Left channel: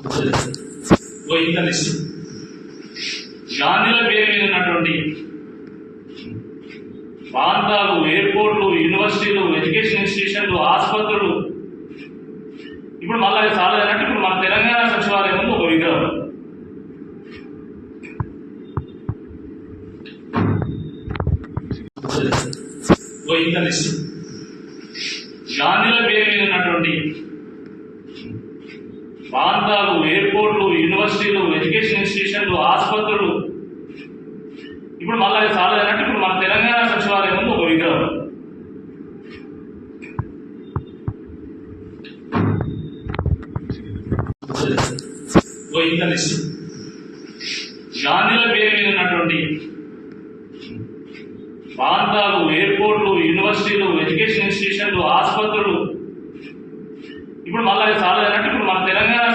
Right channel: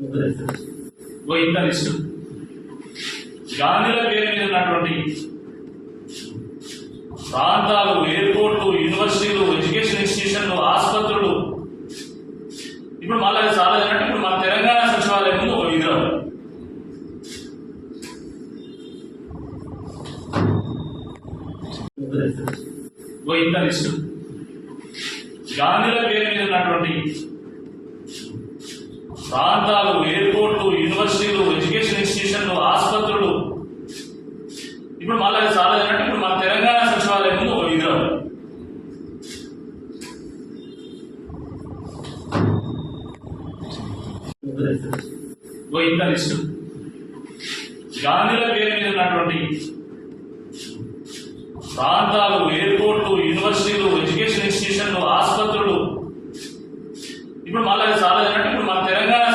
ఇంత లిస్టు గాంధీల పేరు మీద ఉన్నటువంటి ప్రాంతాలు, ఎయిర్పోర్ట్లు, యూనివర్సిటీలు, ఎడ్యుకేషన్ ఇన్స్టిట్యూషన్లు, ఆసుపత్రులు. ఇప్పుడు మళ్ళీ అది చాలేదంటే ఇప్పుడు మన తెలంగాణ సచివాలయం ముందు ఒక విగ్రహం. ఇంత లిస్టు గాంధీల పేరు మీద ఉన్నటువంటి ప్రాంతాలు, ఎయిర్పోర్ట్లు, యూనివర్సిటీలు, ఎడ్యుకేషన్ ఇన్స్టిట్యూషన్లు, ఆసుపత్రులు. ఇప్పుడు మళ్ళీ అది చాలేదంటే ఇప్పుడు మన తెలంగాణ సచివాలయం ముందు ఒక విగ్రహం. ఇంత లిస్టు గాంధీల పేరు మీద ఉన్నటువంటి ప్రాంతాలు, ఎయిర్పోర్ట్లు, యూనివర్సిటీలు, ఎడ్యుకేషన్ ఇన్స్టిట్యూషన్లు, ఆసుపత్రులు. ఇప్పుడు మళ్ళీ అది చాలేదంటే ఇప్పుడు మన తెలంగాణ